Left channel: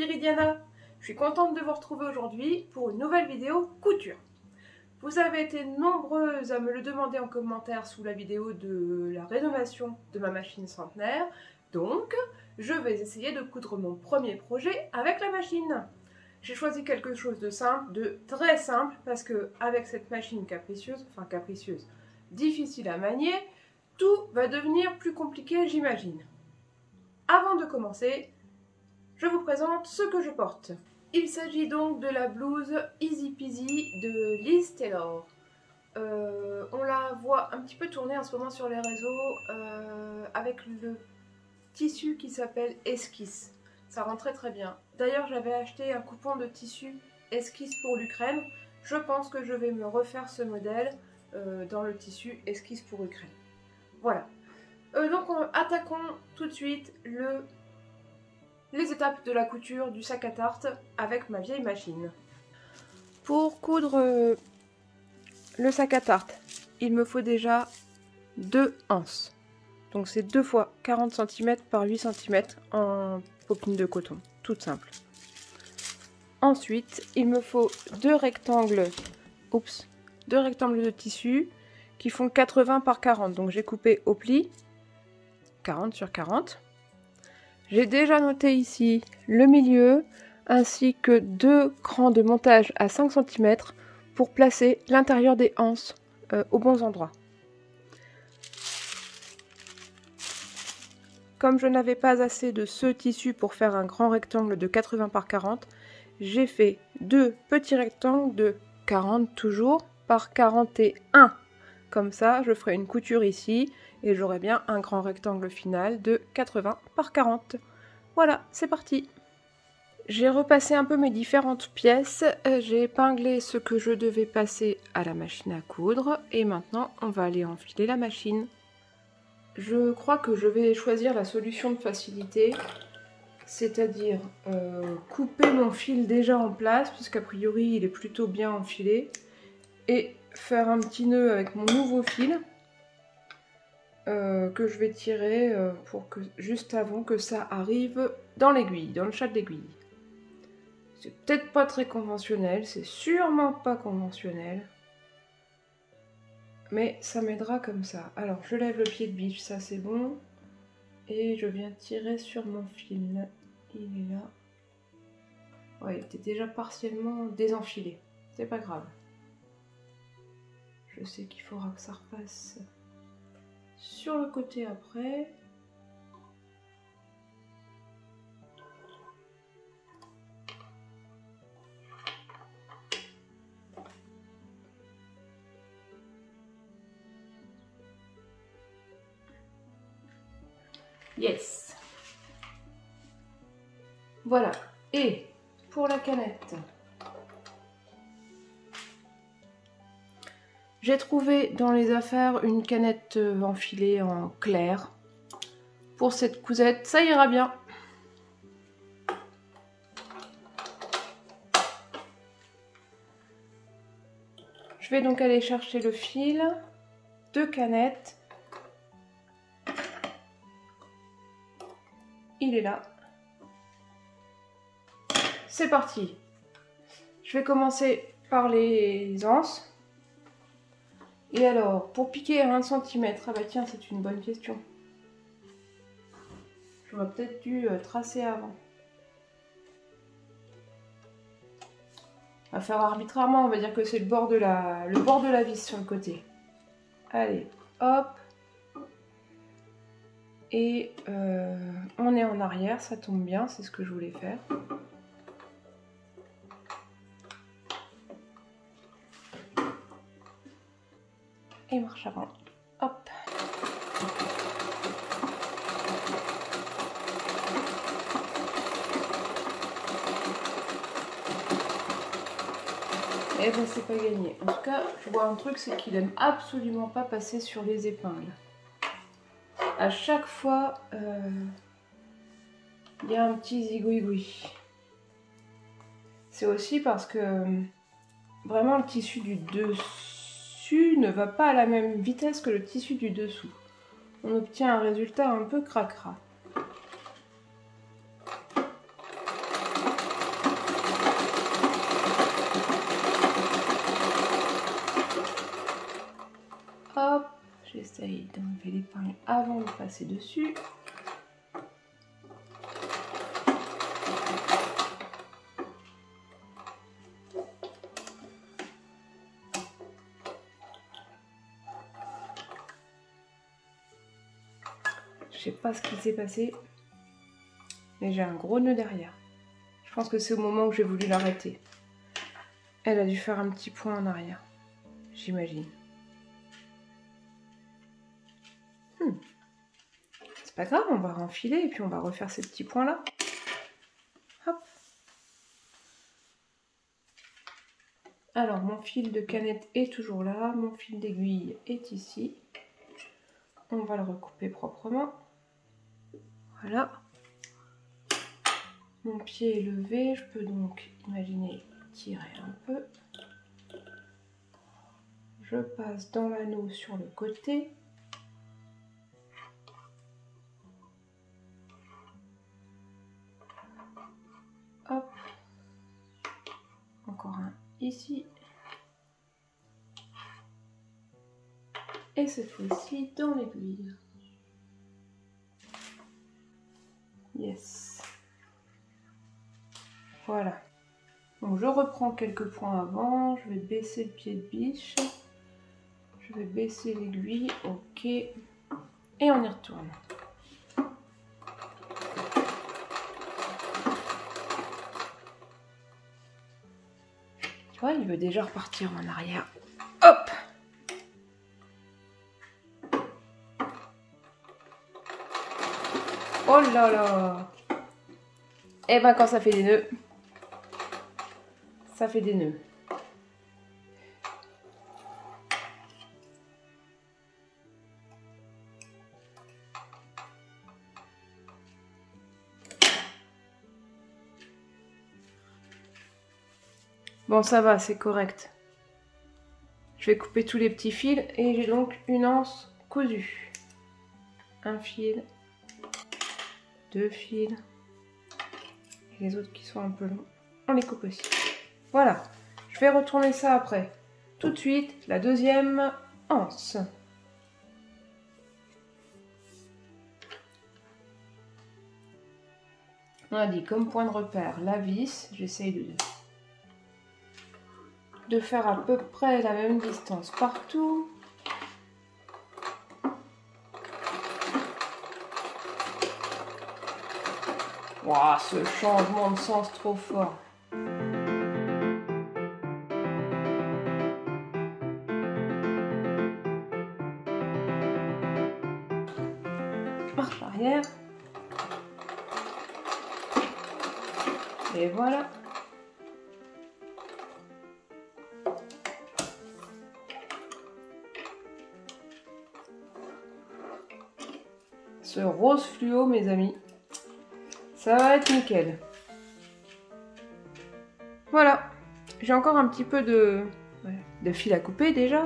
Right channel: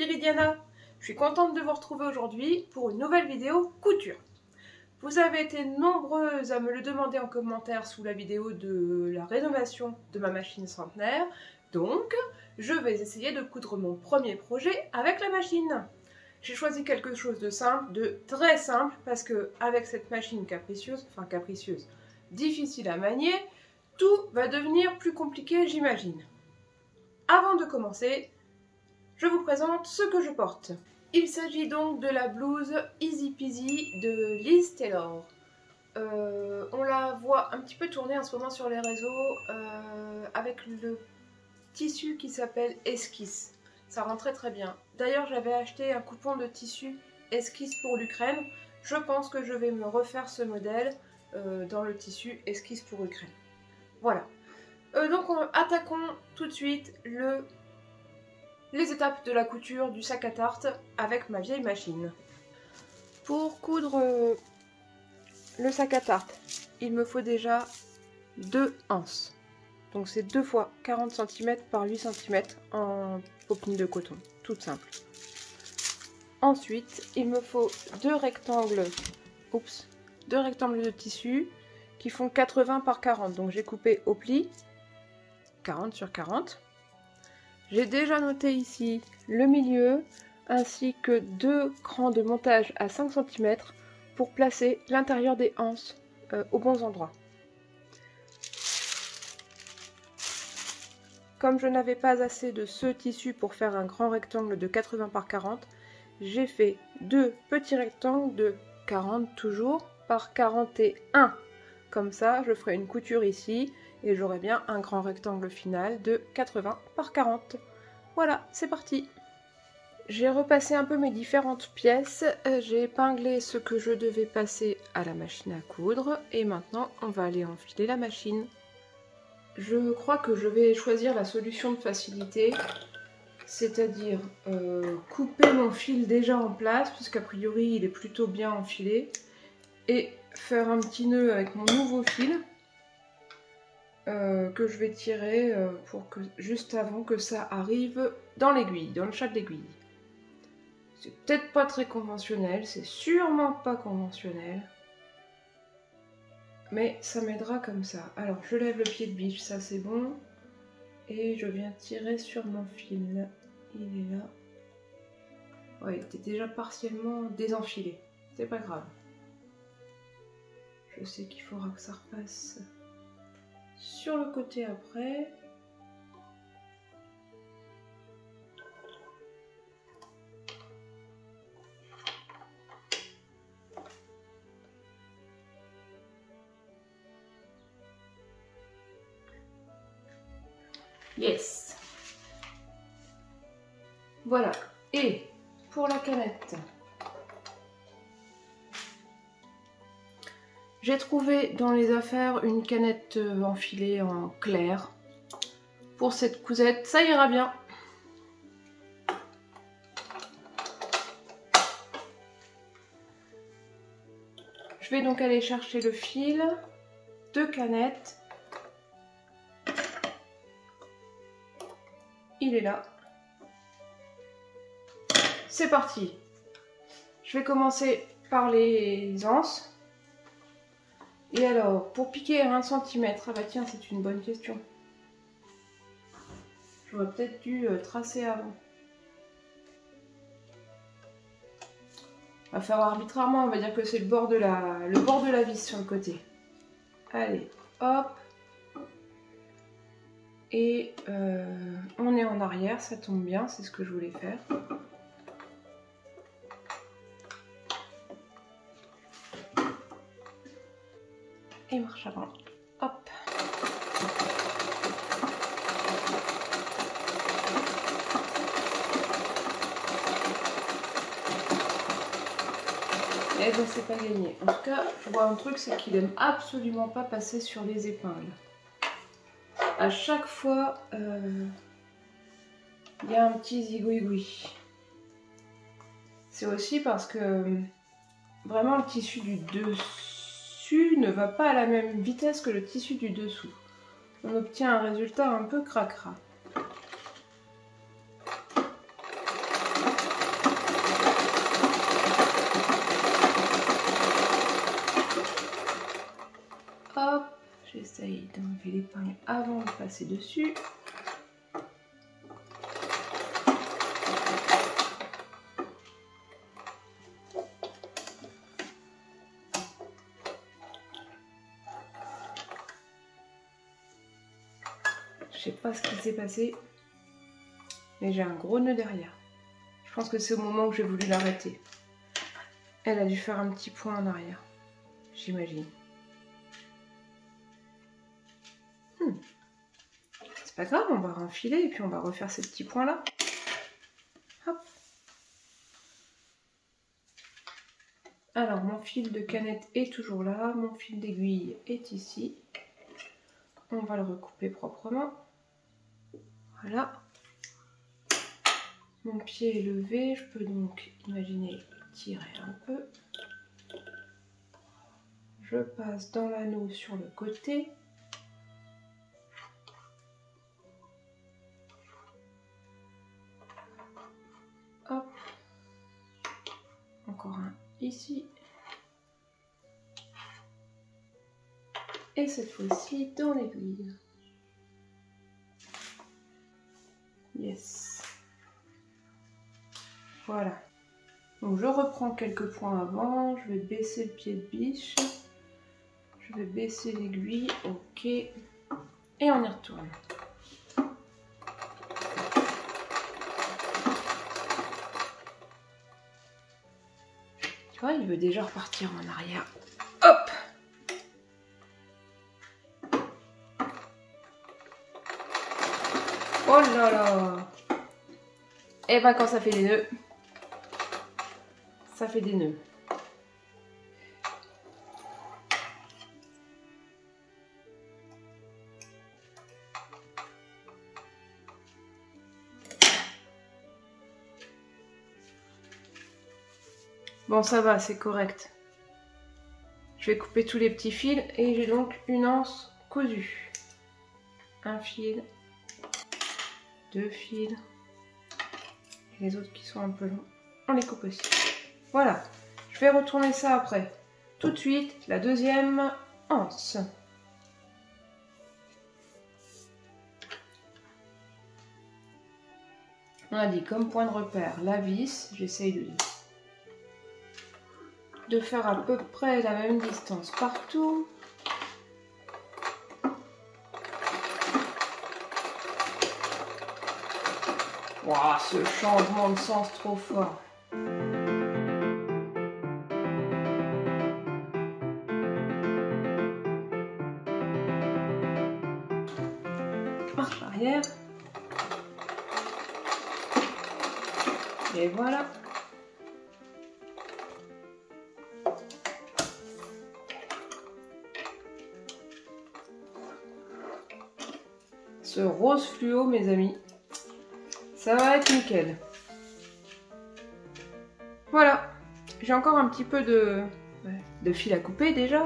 Viridiana, je suis contente de vous retrouver aujourd'hui pour une nouvelle vidéo couture. Vous avez été nombreuses à me le demander en commentaire sous la vidéo de la rénovation de ma machine centenaire, donc je vais essayer de coudre mon premier projet avec la machine. J'ai choisi quelque chose de simple, de très simple, parce que avec cette machine capricieuse, difficile à manier, tout va devenir plus compliqué, j'imagine. Avant de commencer, je vous présente ce que je porte. Il s'agit donc de la blouse Easy Peasy de Liz Taylor. On la voit un petit peu tourner en ce moment sur les réseaux avec le tissu qui s'appelle Esquisse. Ça rend très très bien. D'ailleurs, j'avais acheté un coupon de tissu Esquisse pour l'Ukraine. Je pense que je vais me refaire ce modèle dans le tissu Esquisse pour Ukraine. Voilà. Donc attaquons tout de suite les étapes de la couture du sac à tarte avec ma vieille machine. Pour coudre le sac à tarte, il me faut déjà 2 anses. Donc c'est 2 fois 40 cm par 8 cm en popine de coton, toute simple. Ensuite, il me faut 2 rectangles de tissu qui font 80 par 40. Donc j'ai coupé au pli 40 sur 40. J'ai déjà noté ici le milieu ainsi que 2 crans de montage à 5 cm pour placer l'intérieur des anses aux bons endroits. Comme je n'avais pas assez de ce tissu pour faire un grand rectangle de 80 par 40, j'ai fait 2 petits rectangles de 40 toujours par 41. Comme ça, je ferai une couture ici et j'aurai bien un grand rectangle final de 80 par 40. Voilà, c'est parti. J'ai repassé un peu mes différentes pièces, j'ai épinglé ce que je devais passer à la machine à coudre et maintenant on va aller enfiler la machine. Je crois que je vais choisir la solution de facilité, c'est-à-dire couper mon fil déjà en place, puisqu'a priori il est plutôt bien enfilé, et faire un petit nœud avec mon nouveau fil que je vais tirer juste avant que ça arrive dans l'aiguille, dans le chat de l'aiguille. C'est peut-être pas très conventionnel, c'est sûrement pas conventionnel. Mais ça m'aidera comme ça. Alors je lève le pied de biche, ça c'est bon. Et je viens tirer sur mon fil. Il est là. Ouais, il était déjà partiellement désenfilé. C'est pas grave. Je sais qu'il faudra que ça repasse sur le côté après. Yes. Voilà. Et pour la canette, j'ai trouvé dans les affaires une canette enfilée en clair. Pour cette cousette, ça ira bien. Je vais donc aller chercher le fil, 2 canettes. Il est là. C'est parti. Je vais commencer par les anses. Et alors, pour piquer à 1 cm, ah bah tiens, c'est une bonne question. J'aurais peut-être dû tracer avant. On va faire arbitrairement, on va dire que c'est le bord de la vis sur le côté. Allez, hop. Et on est en arrière, ça tombe bien, c'est ce que je voulais faire. Et marche avant. Hop. Et ben c'est pas gagné. En tout cas, je vois un truc, c'est qu'il aime absolument pas passer sur les épingles. À chaque fois, il y a un petit zigouigoui. C'est aussi parce que vraiment le tissu du dessus ne va pas à la même vitesse que le tissu du dessous. On obtient un résultat un peu cracra. passer dessus. Je sais pas ce qui s'est passé, mais j'ai un gros nœud derrière. Je pense que c'est au moment où j'ai voulu l'arrêter. Elle a dû faire un petit point en arrière, j'imagine. C'est pas grave, on va renfiler et puis on va refaire ces petits points là. Hop. Alors mon fil de canette est toujours là, mon fil d'aiguille est ici. On va le recouper proprement. Voilà. Mon pied est levé, je peux donc imaginer tirer un peu. Je passe dans l'anneau sur le côté. Hop. Encore un ici. Et cette fois-ci dans l'aiguille. Yes. Voilà. Donc je reprends quelques points avant. Je vais baisser le pied de biche. Je vais baisser l'aiguille. Ok. Et on y retourne. Tu vois, il veut déjà repartir en arrière. Hop! Oh là là! Et ben quand ça fait des nœuds, ça fait des nœuds. Bon, ça va, c'est correct. Je vais couper tous les petits fils et j'ai donc une anse cousue. Un fil, deux fils. Et les autres qui sont un peu longs, on les coupe aussi. Voilà, je vais retourner ça après. Tout de suite, la deuxième anse. On a dit comme point de repère la vis. J'essaye de faire à peu près la même distance partout. Waouh, ce changement de sens trop fort. Marche arrière. Et voilà. Ce rose fluo, mes amis, ça va être nickel. Voilà, j'ai encore un petit peu de fil à couper déjà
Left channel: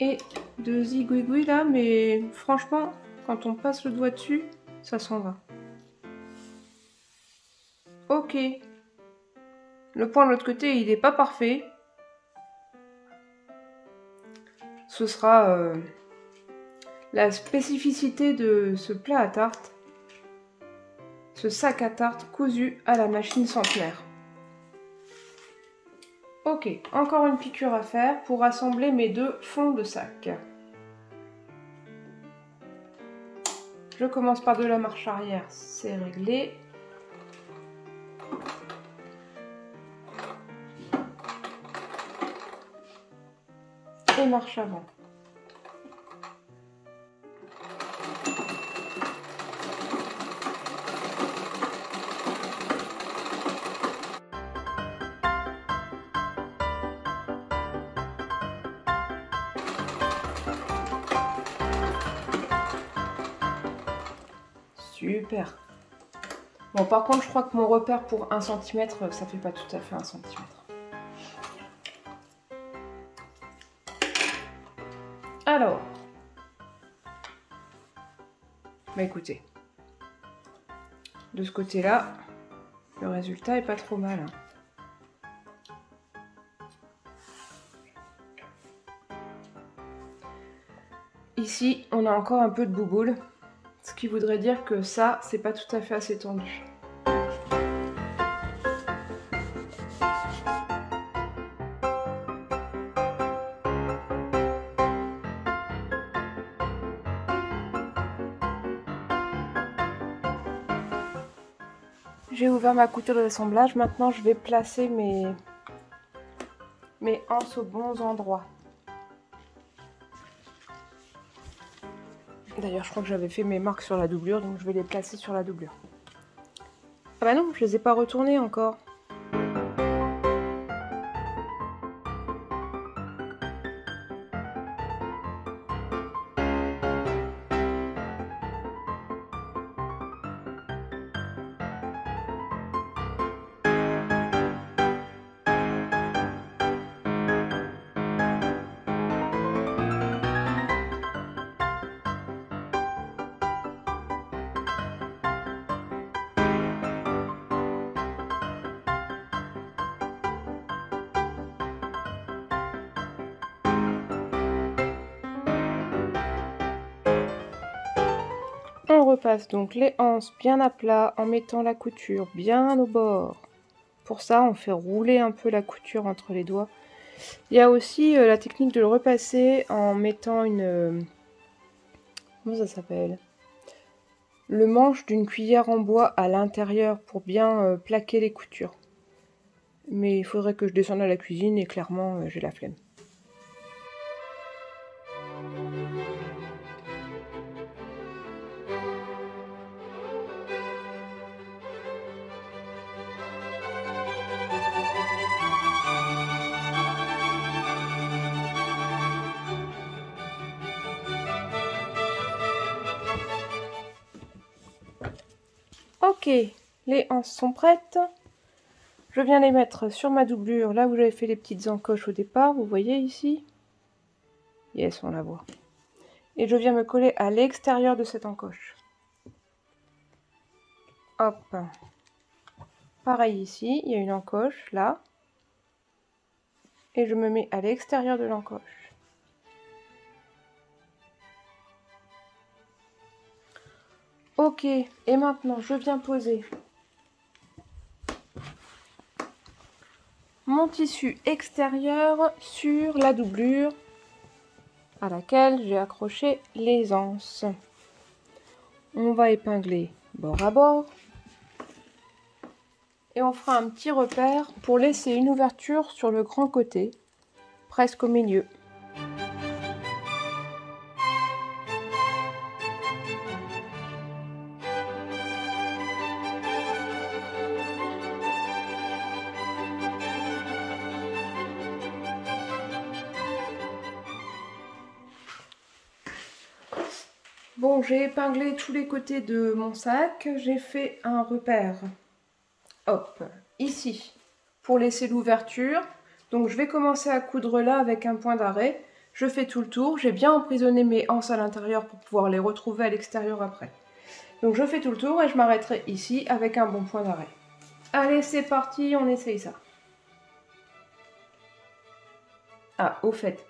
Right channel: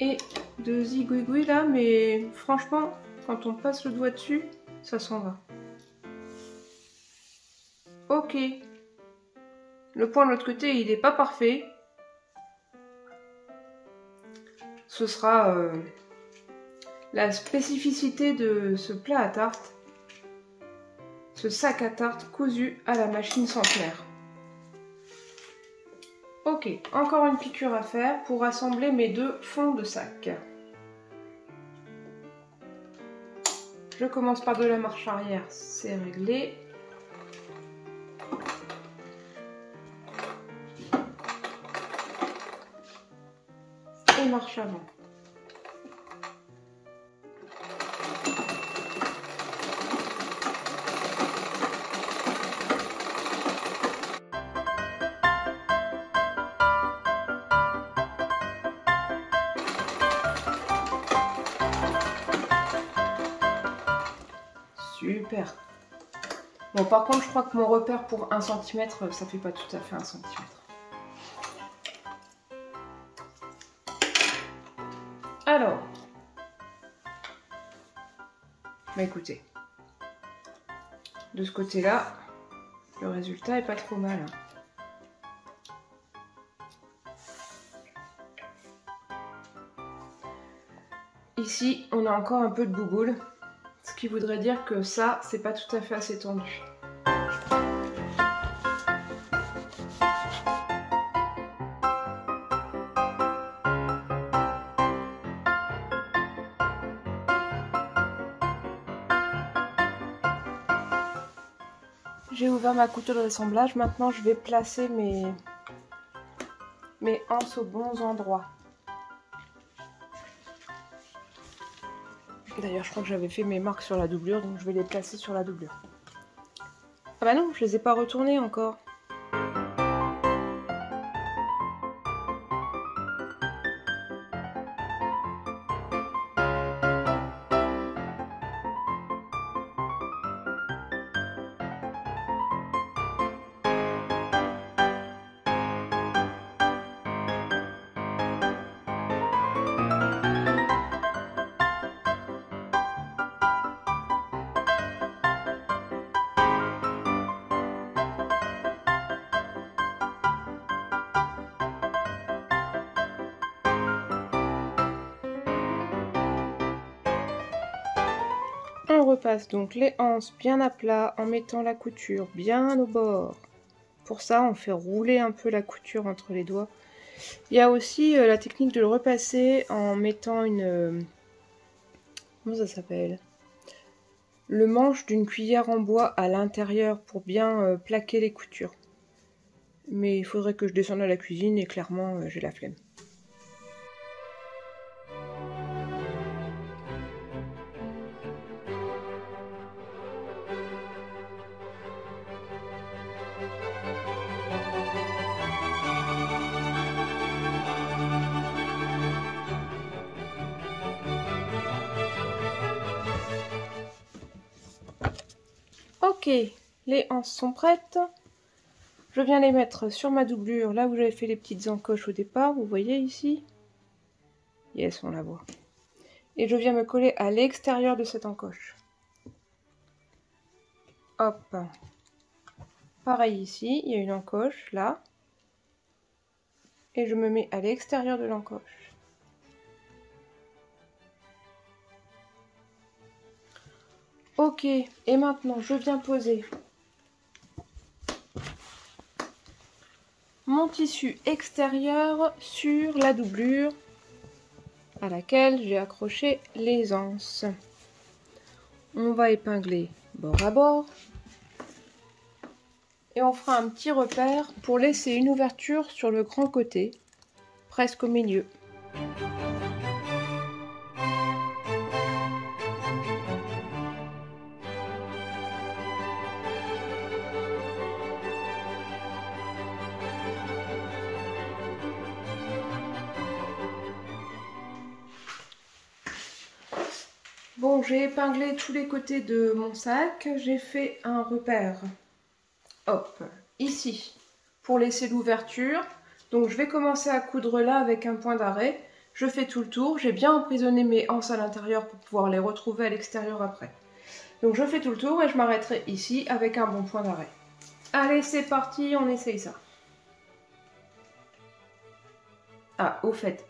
et de zigouigoui là, mais franchement, quand on passe le doigt dessus, ça s'en va. Ok, le point de l'autre côté, il n'est pas parfait. Ce sera la spécificité de ce plat à tarte, ce sac à tarte cousu à la machine centenaire. Ok, encore une piqûre à faire pour assembler mes deux fonds de sac. Je commence par de la marche arrière, c'est réglé. Et marche avant. Super. Bon, par contre, je crois que mon repère pour 1 cm, ça fait pas tout à fait 1 cm. Alors, bah écoutez, de ce côté-là, le résultat est pas trop mal. Ici, on a encore un peu de bouboule. qui voudrait dire que ça, c'est pas tout à fait assez tendu. J'ai ouvert ma couture d'assemblage, maintenant je vais placer mes anses aux bons endroits. D'ailleurs je crois que j'avais fait mes marques sur la doublure, donc je vais les placer sur la doublure. Ah bah non, je les ai pas retournées encore. On repasse donc les anses bien à plat en mettant la couture bien au bord. Pour ça, on fait rouler un peu la couture entre les doigts. Il y a aussi la technique de le repasser en mettant une... comment ça s'appelle? Le manche d'une cuillère en bois à l'intérieur pour bien plaquer les coutures. Mais il faudrait que je descende à la cuisine et clairement, j'ai la flemme. Ok, les anses sont prêtes. Je viens les mettre sur ma doublure, là où j'avais fait les petites encoches au départ, vous voyez ici? Yes, on la voit. Et je viens me coller à l'extérieur de cette encoche. Hop. Pareil ici, il y a une encoche, là. Et je me mets à l'extérieur de l'encoche. Ok, et maintenant je viens poser mon tissu extérieur sur la doublure à laquelle j'ai accroché les anses. On va épingler bord à bord et on fera un petit repère pour laisser une ouverture sur le grand côté, presque au milieu. Bon, j'ai épinglé tous les côtés de mon sac, j'ai fait un repère, hop, ici, pour laisser l'ouverture. Donc je vais commencer à coudre là avec un point d'arrêt. Je fais tout le tour, j'ai bien emprisonné mes anses à l'intérieur pour pouvoir les retrouver à l'extérieur après. Donc je fais tout le tour et je m'arrêterai ici avec un bon point d'arrêt. Allez, c'est parti, on essaye ça. Ah, au fait,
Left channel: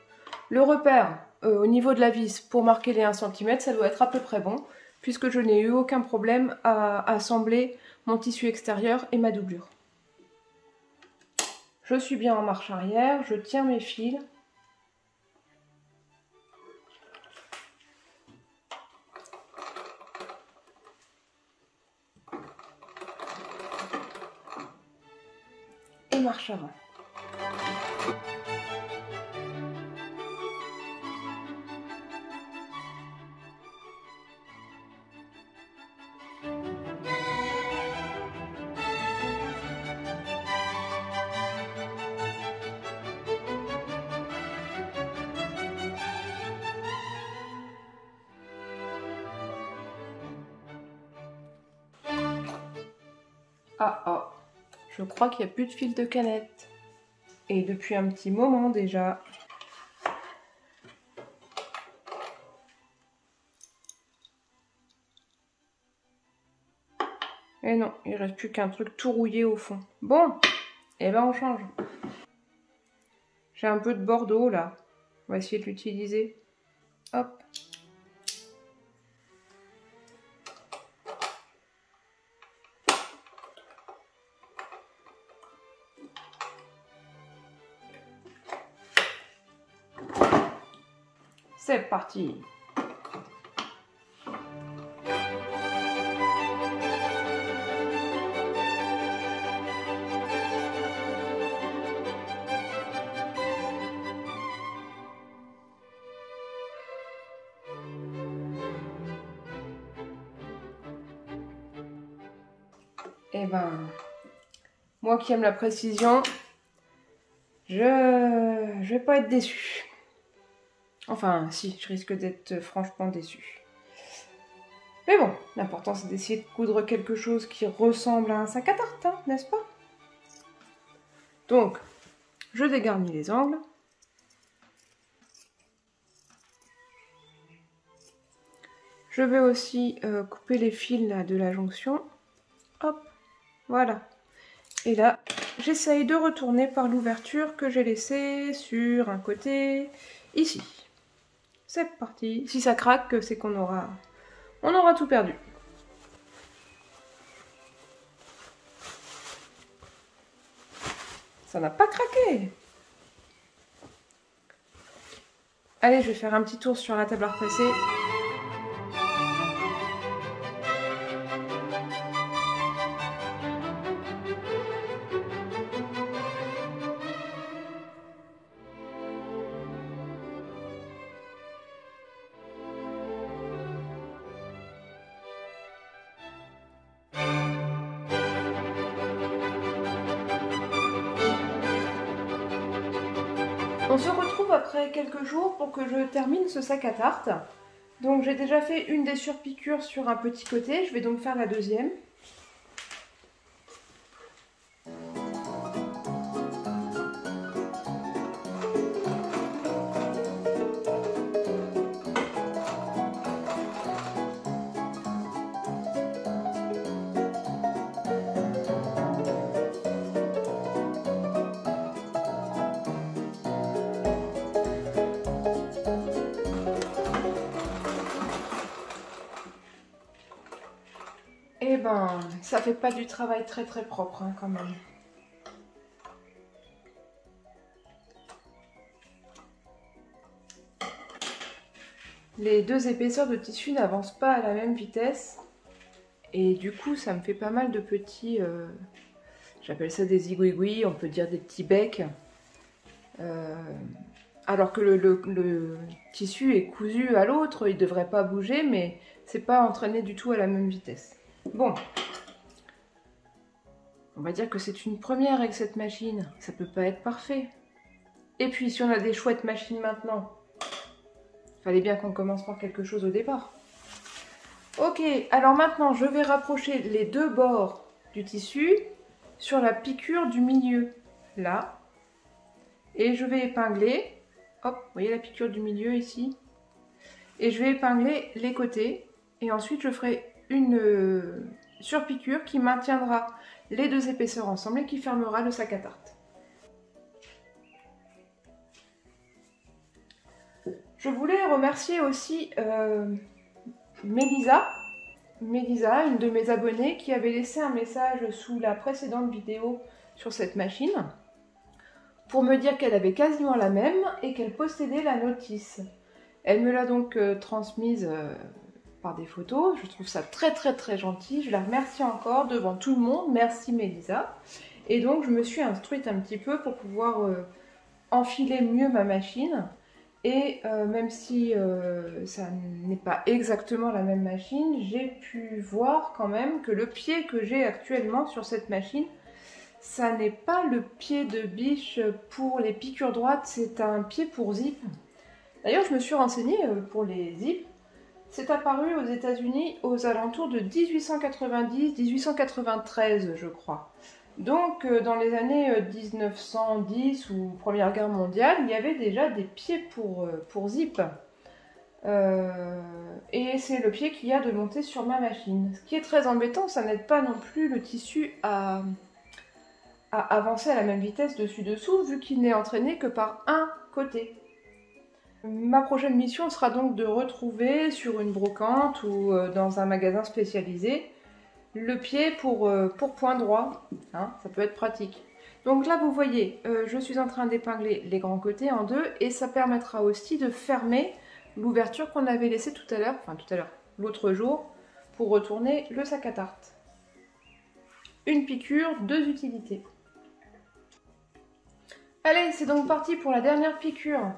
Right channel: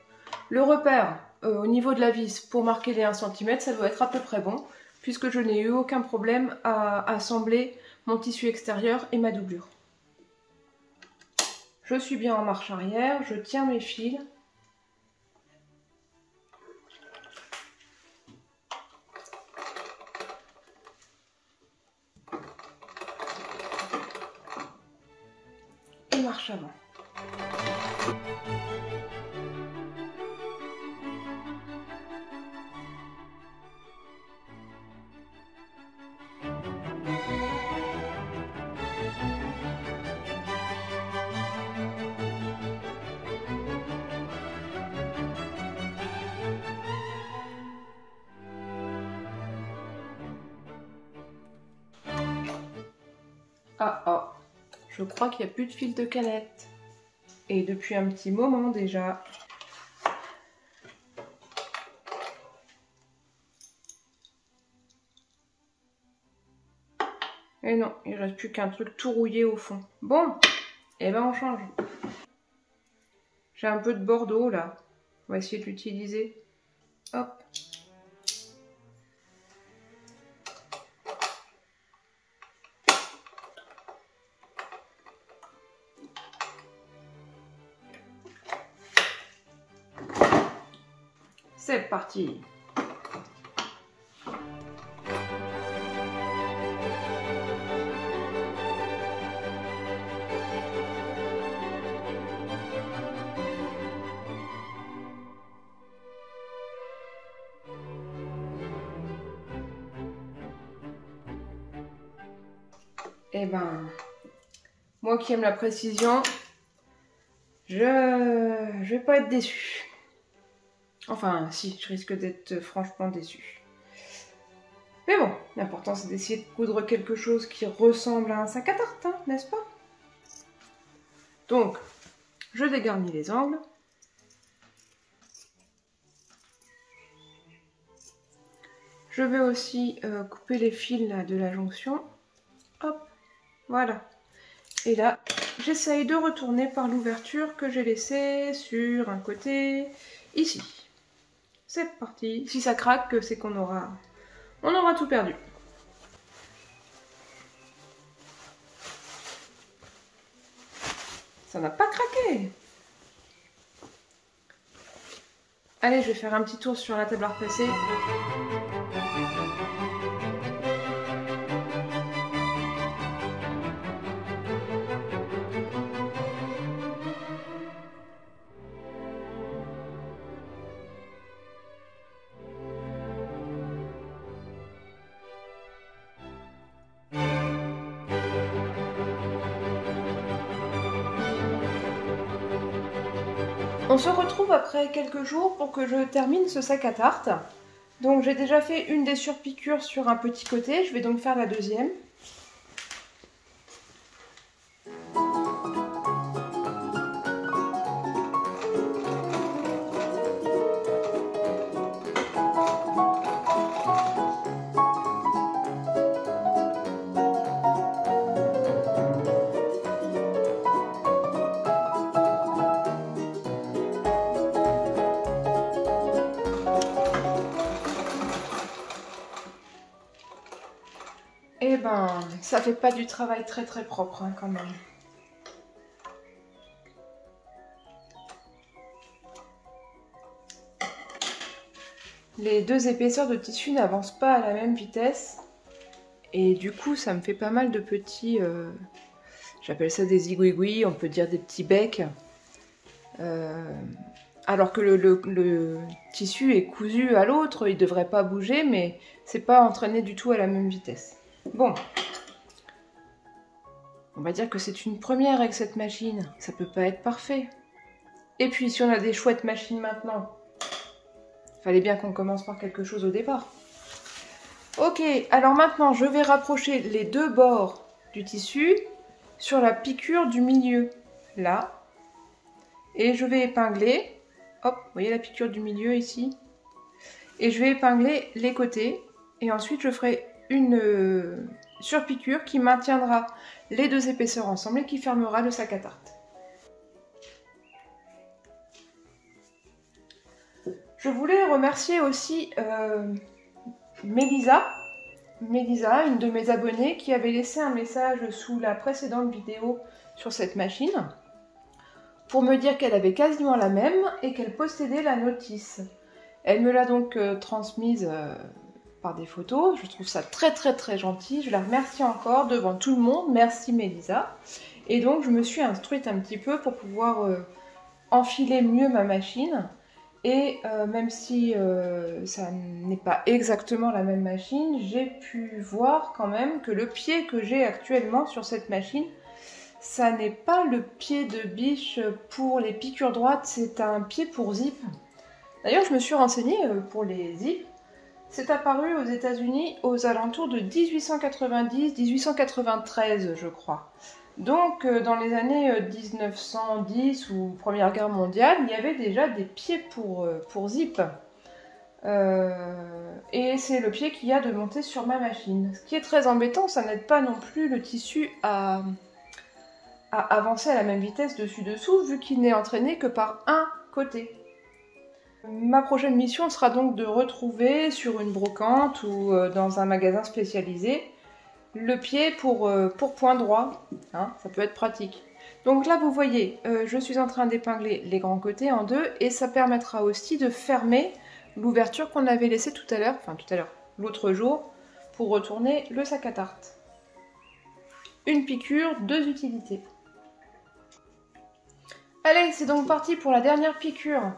le repère au niveau de la vis pour marquer les 1 cm, ça doit être à peu près bon, puisque je n'ai eu aucun problème à assembler mon tissu extérieur et ma doublure. Je suis bien en marche arrière, je tiens mes fils. Et marche avant. Ah, je crois qu'il n'y a plus de fil de canette. Et depuis un petit moment déjà. Et non, il ne reste plus qu'un truc tout rouillé au fond. Bon, et ben on change. J'ai un peu de bordeaux là. On va essayer de l'utiliser. Hop. C'est parti. Eh ben, moi qui aime la précision, je vais pas être déçue. Enfin, si, je risque d'être franchement déçue. Mais bon, l'important c'est d'essayer de coudre quelque chose qui ressemble à un sac à tarte, hein, n'est-ce pas? Donc, je dégarnis les angles. Je vais aussi couper les fils là, de la jonction. Hop, voilà. Et là, j'essaye de retourner par l'ouverture que j'ai laissée sur un côté, ici. C'est parti. Si ça craque, c'est qu'on aura tout perdu. Ça n'a pas craqué. Allez, je vais faire un petit tour sur la table à repasser. On se retrouve après quelques jours pour que je termine ce sac à tarte. Donc j'ai déjà fait une des surpiqûres sur un petit côté, je vais donc faire la deuxième. Eh ben, ça fait pas du travail très propre hein, quand même. Les deux épaisseurs de tissu n'avancent pas à la même vitesse. Et du coup, ça me fait pas mal de petits... j'appelle ça des zigouigouis, on peut dire des petits becs. Alors que le tissu est cousu à l'autre, il devrait pas bouger, mais c'est pas entraîné du tout à la même vitesse. Bon, on va dire que c'est une première avec cette machine, ça peut pas être parfait. Et puis si on a des chouettes machines maintenant, fallait bien qu'on commence par quelque chose au départ. Ok, alors maintenant je vais rapprocher les deux bords du tissu sur la piqûre du milieu, là. Et je vais épingler, hop, vous voyez la piqûre du milieu ici. Et je vais épingler les côtés, et ensuite je ferai une surpiqûre qui maintiendra les deux épaisseurs ensemble et qui fermera le sac à tarte. Je voulais remercier aussi Mélisa, une de mes abonnées, qui avait laissé un message sous la précédente vidéo sur cette machine pour me dire qu'elle avait quasiment la même et qu'elle possédait la notice. Elle me l'a donc transmise par des photos. Je trouve ça très gentil. Je la remercie encore devant tout le monde. Merci Mélisa. Et donc je me suis instruite un petit peu pour pouvoir enfiler mieux ma machine. Et même si ça n'est pas exactement la même machine, j'ai pu voir quand même que le pied que j'ai actuellement sur cette machine, ça n'est pas le pied de biche pour les piqûres droites, c'est un pied pour zip. D'ailleurs, je me suis renseignée pour les zips. C'est apparu aux États-Unis aux alentours de 1890-1893, je crois. Donc, dans les années 1910 ou Première Guerre mondiale, il y avait déjà des pieds pour zip. Et c'est le pied qu'il y a de monter sur ma machine. Ce qui est très embêtant, ça n'aide pas non plus le tissu à avancer à la même vitesse dessus-dessous, vu qu'il n'est entraîné que par un côté. Ma prochaine mission sera donc de retrouver sur une brocante ou dans un magasin spécialisé le pied pour point droit, hein, ça peut être pratique. Donc là vous voyez, je suis en train d'épingler les grands côtés en deux et ça permettra aussi de fermer l'ouverture qu'on avait laissée tout à l'heure, l'autre jour, pour retourner le sac à tarte. Une piqûre, 2 utilités. Allez, c'est donc parti pour la dernière piqûre.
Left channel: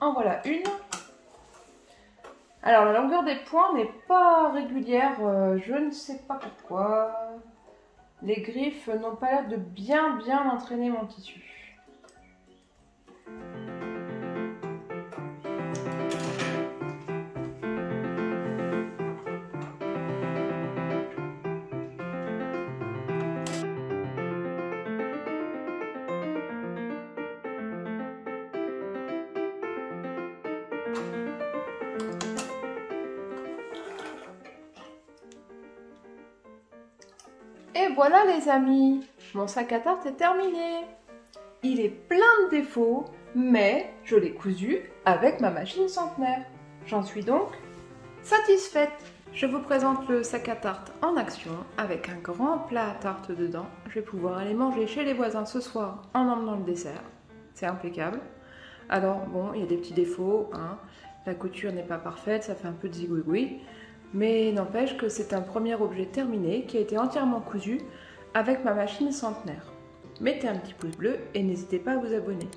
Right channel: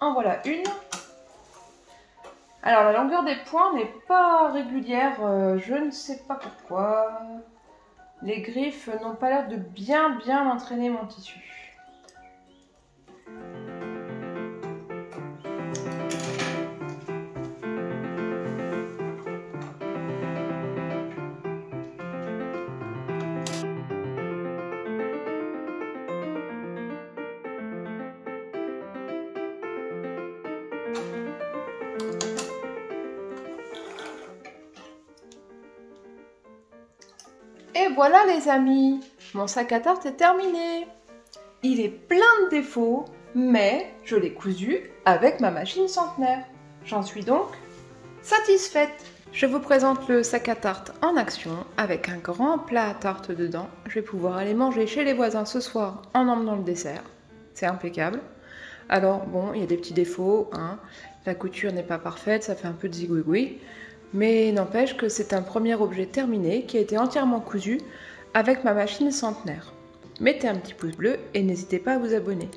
En voilà une. Alors la longueur des points n'est pas régulière, je ne sais pas pourquoi. Les griffes n'ont pas l'air de bien entraîner mon tissu. Et voilà les amis, mon sac à tarte est terminé. Il est plein de défauts, mais je l'ai cousu avec ma machine centenaire. J'en suis donc satisfaite. Je vous présente le sac à tarte en action avec un grand plat à tarte dedans. Je vais pouvoir aller manger chez les voisins ce soir en emmenant le dessert. C'est impeccable. Alors bon, il y a des petits défauts, hein. La couture n'est pas parfaite, ça fait un peu de zigouigoui. Mais n'empêche que c'est un premier objet terminé qui a été entièrement cousu avec ma machine centenaire. Mettez un petit pouce bleu et n'hésitez pas à vous abonner.